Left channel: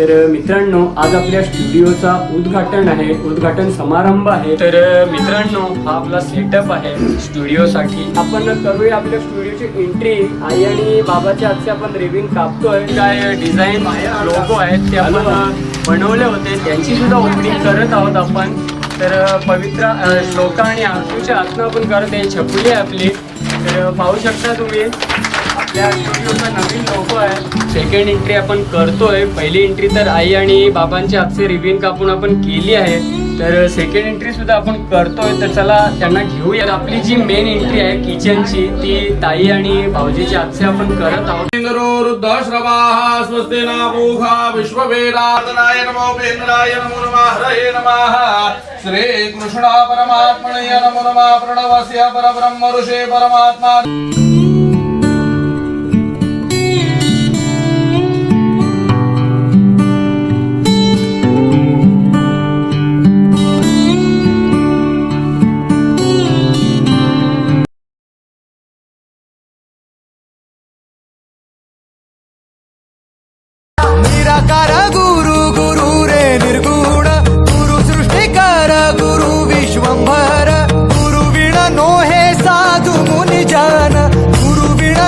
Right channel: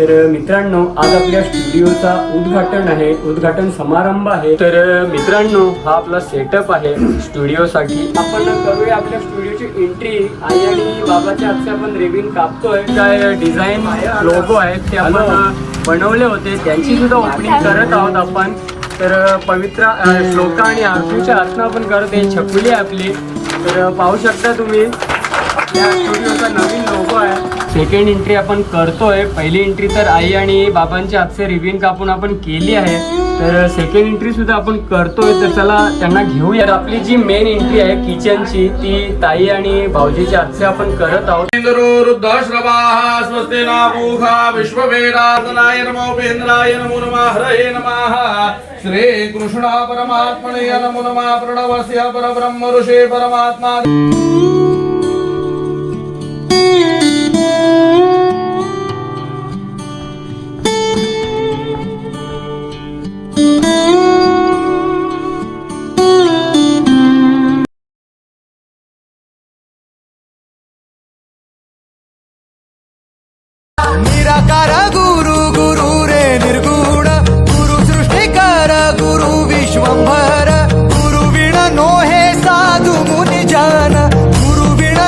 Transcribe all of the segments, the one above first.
तर मित्रांनो आज आपल्या स्टुडिओचा उद्घाटन आहे. उद्घाटन समारंभ आहे. तर मित्रांनो हा आपला सेटअप आहे स्टुडिओसाठी. आपण करूया आपल्या स्टुडिओची एंट्री आई आणि बाबाच्या हातचे आपण रेविंग कापतोय. काय डिझाईन लोगो आहेत ते आपण बनवले होते. त्यांची सुद्धा ओपनिंग करत आहोत आपण. तर पवित्र श्लोका आणि आरतीच्या हातनं आपण करत आहे. आहे आपली. तर पाहू शकता तुम्ही. स्टुडिओचा नवीन लोगो आहे. सेकंड एंट्री आपण करतोय. पहिली एंट्री तर आई आणि बाबांच्या हातचे रिव्हिन कापून आपण केली आहे. तर सेकंड एंट्री सुद्धा आपण करतोय. तर चला त्यांना घेऊया तर आपली जी मेन एंट्री आहे किचनची ती ताई आणि भाऊजीच्या हातचे आपण करत आहोत. रुद्रश्रवाः स्वस्ति न पूषा विश्ववेदातनाय नमो उपेन्द्राय नमो नमः हरये नमः। श्रीकृष्ण परमात्मने नमो नमः प्रणवस्य परब्रह्म ऋषे परमात्मा।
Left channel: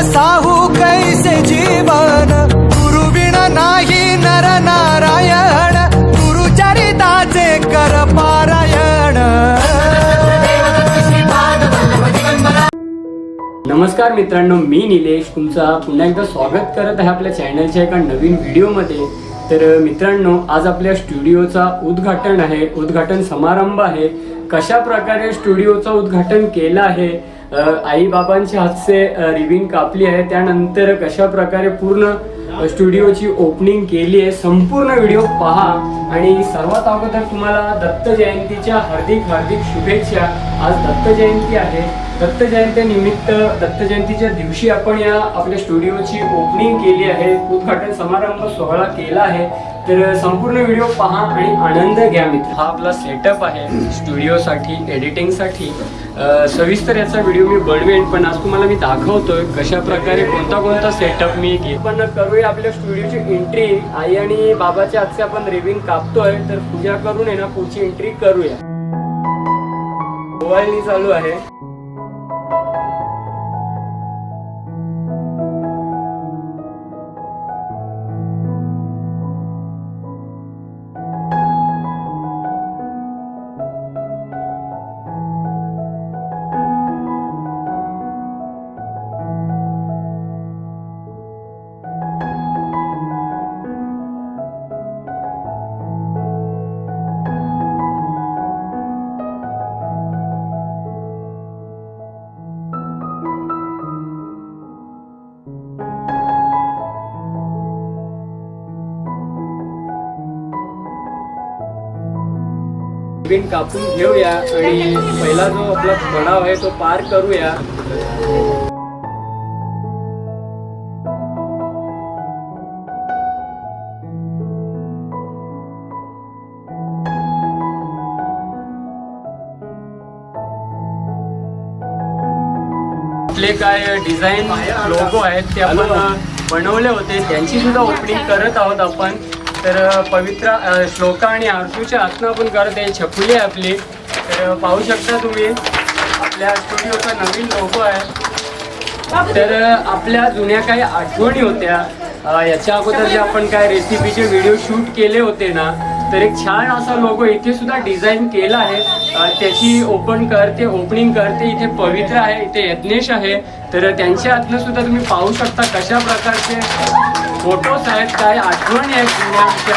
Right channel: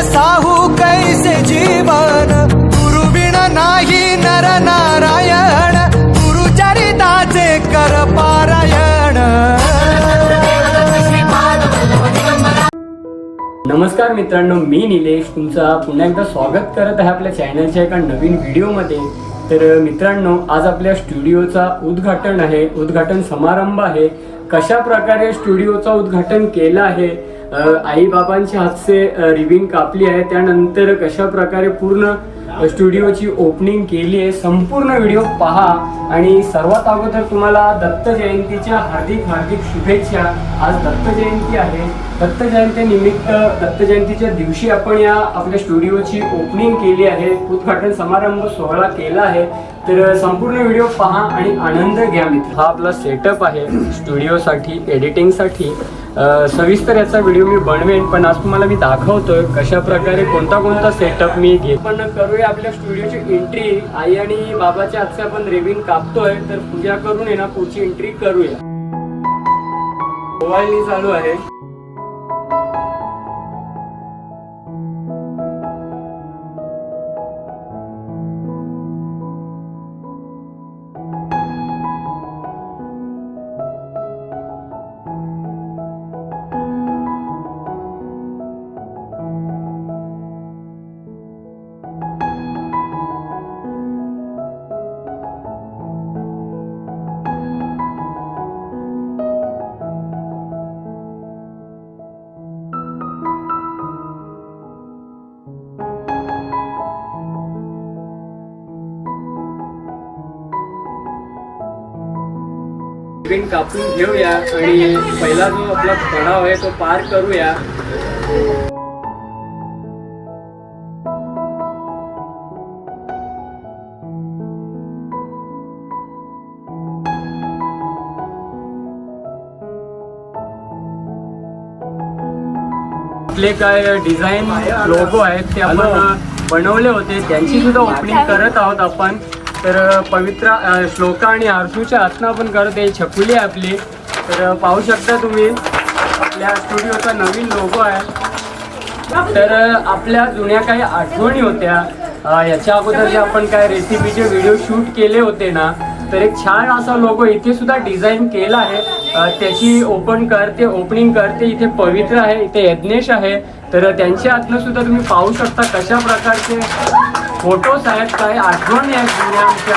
साहू कैसे जीवन? गुरुविण नाही नर नारायण गुरु चरिताचे कर पारायण. नमस्कार मित्रांनो मी निलेश. तुमचा पुन्हा एकदा स्वागत करत आहे आपल्या चॅनलच्या एका नवीन व्हिडिओमध्ये तर मित्रांनो आज आपल्या स्टुडिओचा उद्घाटन आहे. उद्घाटन समारंभ आहे. कशा प्रकारे स्टुडिओचा उद्घाटन केलं आहे? आई बाबांच्या हातचे रिबिन कापली आहे. त्यानंतर कशा प्रकारे पूर्ण स्टुडिओची ओपनिंग केली आहे संपूर्ण व्हिडिओ पहा. आणि सर्वात अगोदर तुम्हाला दत्त जयंतीच्या हार्दिक हार्दिक शुभेच्छा. आज दत्त जयंती आहे. दत्त जयंतीनिमित्त दत्त जयंतीच्या दिवशी आपण या आपल्या स्टुडिओची ओपनिंग केली आहे. उद्घाटन समारंभ सोहळा केला आहे. तर संपूर्ण व्हिडिओ पहा आणि आनंद घ्या मित्र. हा आपला सेटअप आहे. स्टुडिओसाठी एडिटिंगसाठी. सविस्तर याचा व्हिडिओ मी बनवेन पण आज तुम्हाला मी दाखवतोय कशा प्रकारे कोणता कोणता सेटअप मी घेत पण करूया आपल्या स्टुडिओची एंट्री आई आणि बाबाच्या आजचे आपण रेविंग कापतोय तर पूजा करून आहे ना पुढची एंट्री करूया. मोबाईल चालू आहे. रिविंग कापून घेऊया आणि पहिला जो आपला पडाव आहे तो पार करूया. आपले काय डिझाईन लोगो आहेत ते आपण बनवले होते. त्यांची सुद्धा ओपनिंग करत आहोत आपण. तर पवित्र श्लोक श्लोका आणि आरतीच्या आत्मा आपण करत आहे. छकुली आहे आपली. तर पाहू शकता तुम्ही आपल्या स्टुडिओचा नवीन लोगो आहे. तर आपल्या जुन्या काही आठवणी होत्या. याच्या अगोदर जे आपण काय रेसिपीचे व्हिडिओ शूट केले होते ना तर एक छान असा लोगो इथे सुद्धा डिझाईन केला आहे. त्याची ओपन करते ओपनिंग करते. इथे पवित्र आहे इथे यज्ञेश आहे. तर त्यांच्या हातनं सुद्धा तुम्ही पाहू शकता कशा प्रकारचे फोटोज आहेत काय आठवणी आहेत जुन्या आमच्या?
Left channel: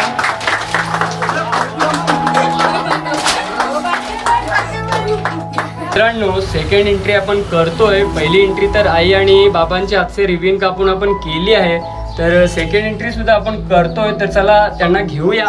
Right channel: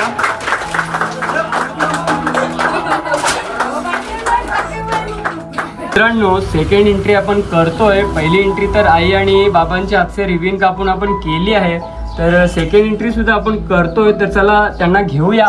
मित्रांनो सेकंड एंट्री आपण करतोय. पहिली एंट्री तर आई आणि बाबांच्या हातचे रिव्हिन कापून आपण केली आहे. तर सेकंड एंट्री सुद्धा आपण करतोय. तर चला त्यांना घेऊया.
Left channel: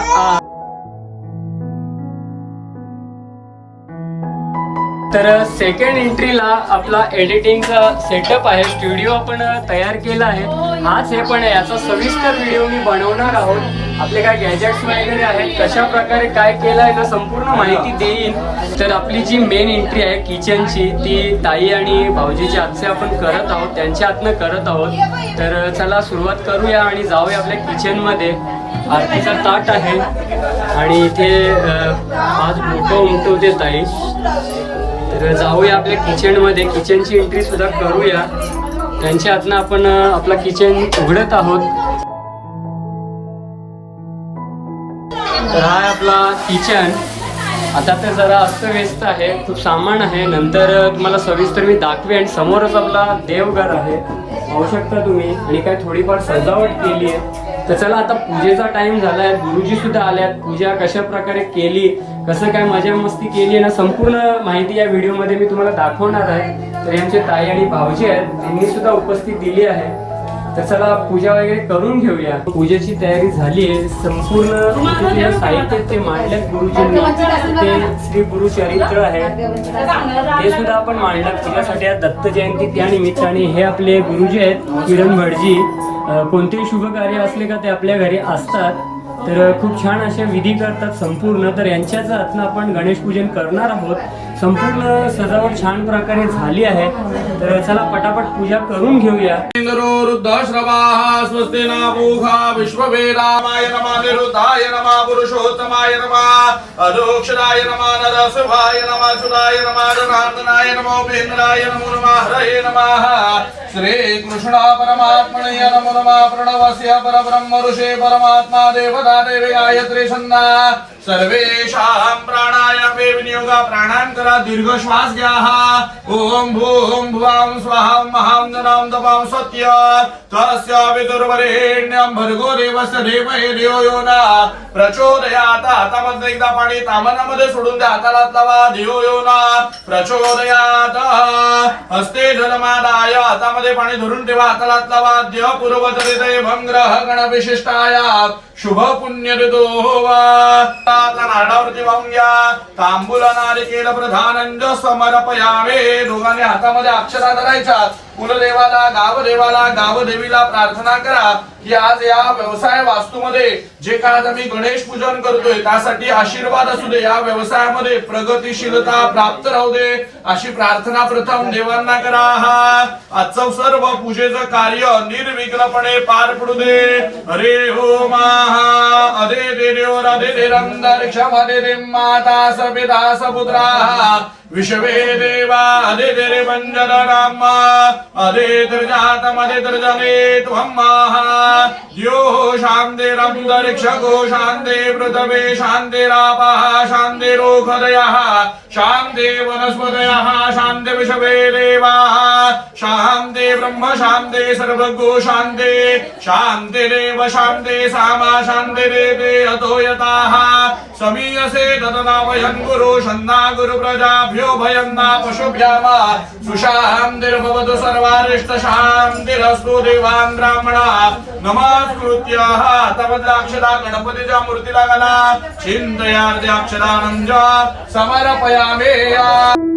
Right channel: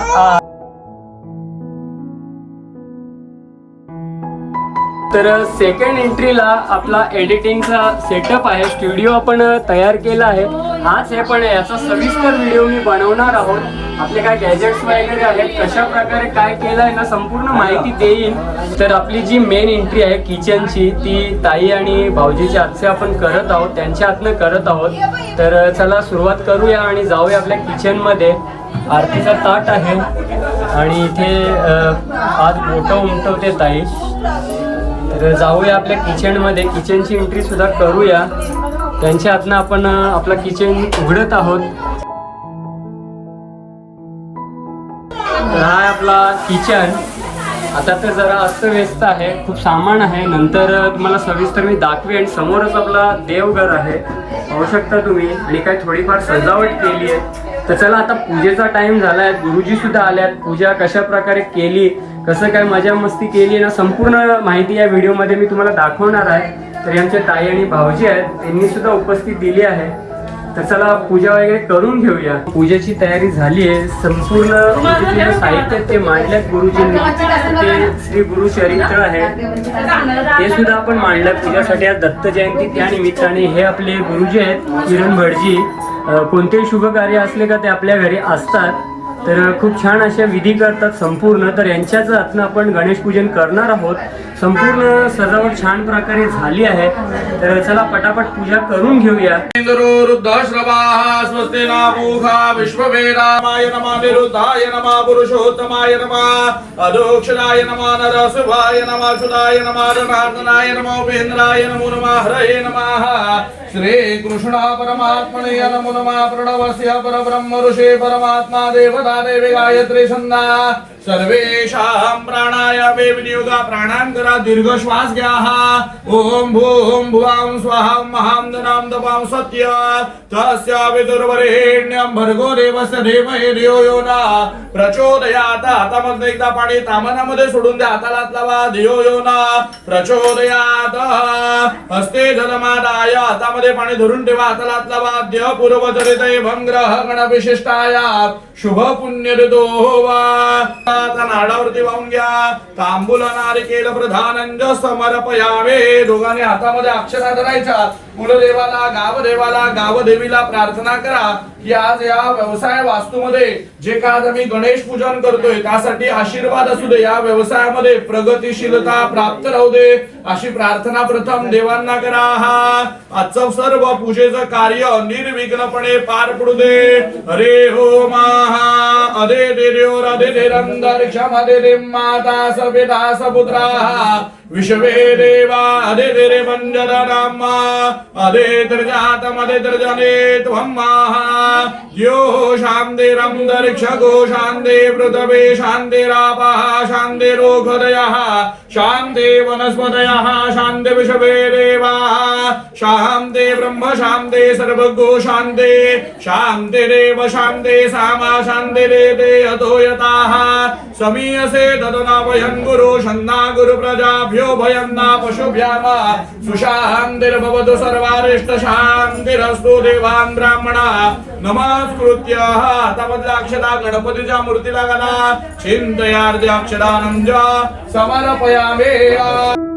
तर सेकंड एंट्रीला आपला एडिटिंगचा सेटअप आहे. स्टुडिओ आपण तयार केला आहे. हाच आहे पण याचा सविस्तर व्हिडिओ मी बनवणार आहोत. आपले काय गॅजेट्स वगैरे आहेत कशा प्रकारे काय केलं आहे ना संपूर्ण माहिती देईन. तर आपली जी मेन एंट्री आहे किचनची ती ताई आणि भाऊजीच्या हातचे आपण करत आहोत. त्यांच्या हातनं करत आहोत. तर चला सुरुवात करूया आणि जाऊया आपल्या किचनमध्ये आरतीचा ताट आहे. आणि इथे आज मोठं उमटवते ताई. तर जाऊया आपल्या किचनमध्ये. किचनची एंट्री सुद्धा करूया. त्यांच्या हातनं आपण आपला किचन उघडत आहोत. तर हा आपला किचन. आता तर जरा अस्तव्यस्त आहे खूप सामान आहे. नंतर तुम्हाला सविस्तर मी दाखवे आणि समोरच आपला देवघर आहे. पाहू शकता तुम्ही. आणि काय थोडीफार सजावट केली आहे. तर चला आता पूजेचा टाइम आहे गुरुजी सुद्धा आल्यात. पूजा कशा प्रकारे केली? कसं काय मजा मस्ती केली ना? संपूर्ण माहिती या व्हिडिओमध्ये मी तुम्हाला दाखवणार आहे. तर यांचे ताई आणि भाऊजी आहेत. त्यांनी सुद्धा उपस्थित दिली आहे. तर चला पूजा वगैरे करून घेऊया. पूजेची तयारी झाली आहे. संपूर्ण जे साहित्य ते मांडल्यात गुरुजींनी. ते श्री गुरु चरित्र आहे. ते सुद्धा आपण मांडलं पूजासाठी. आज दत्त जयंती त्या निमित्ताने. हे आपले गुरुजी आहेत किरण भटजी. कोणतेही शुभ कार्य असले का ते आपल्या घरी असतात. तर खूप छान अशा विधी करतात संपूर्ण. तर यांच्याच हातनं आपण गणेश पूजन करणार आहोत. संपूर्ण सजावट छान प्रकारे झाली आहे. तर चला पटापट पूजा करून घेऊया. इंद्रो रुद्रश्रवाः स्वस्ति नामूखा विश्ववेदामाय नमः निरुद्धाय नमः पुरुषोत्तमाय नमः अधोक्षराय नमः नरसिंहाय नमः सुदाय नमः जनार्दनाय नमः उपेन्द्राय नमो नमः हरये नमः। श्रीकृष्ण परमात्मने नमो नमः प्रणवस्य परब्रह्म ऋषे परमात्मा देवता। देवी गायत्री सन्ना सर्वेषां प्राणायामे विनियोगा प्राणां करा दीर्घ श्वास घ्या. ओम भूम भुवां स्वाहां महां जनां दपां सत्य. तस्य विदुर्वरेण्यं भर्गो देवस्य धीमहि देव यो ना प्रचोदयात हातामध्ये एकदा पाणी तामनामध्ये सोडून द्या हाताला लावा देव यो ना प्रचोदयात. हस्ते धनमादाय हातामध्ये पाणी धरून ठेवा हाताला हात लावा देह पूर्वचरित भंग्रह गण विशिष्टाय शुभ पुण्य ऋतो वा नाडावरती वाहून घ्या. तांबूल नारिकेल प्रधानंज समर्पयावे दोघांनी हातामध्ये अक्षरा धरायच्या. कुलदेवाला गावदेवाला गावदेवीला प्रार्थना करा की आज या व्यवसाय वास्तूमध्ये जे काय आज आम्ही गणेश पूजन करतोय त्यासाठी आशीर्वाद असू दे. या व्यवसायामध्ये प्रगतीशीलता प्राप्त राहू दे. अशी प्रार्थना प्रथम देवांना करा. हा आजचं सर्व पूजेचं कार्य निर्विघ्नपणे पार पडू दे. हरे हो महा. अदे दे देव रदे दे रंदर्क्षमदे दे माता सबे दास पुत्रा विश्वे देवा अदे दे रे मंजन नाम अदे यो शान्तिरं शान्ते पृथ्वे शान्तिरापः शान्तिरोखदयः शान्ते वनस्पतयः शान्ति विषवे देवाः। शान्ते ब्रह्म शान्ते सर्वगो शान्ते शान्तिरेव शान्ते सामा शान्तिरेते अतो यताः समीयसे ददना गुरु शन्ना गुरु प्रजाभ्यो भयन्ना पशुभ्यः सुशान्तिर्भवतु सर्वारिष्ट शान्तिरस्तु देवान् ब्राह्मणा। नमस्कृत्याः तपदाक्षरा अक्षरा गणपतीच्या मूर्तीला च चिंतयार्धे I'm Maria.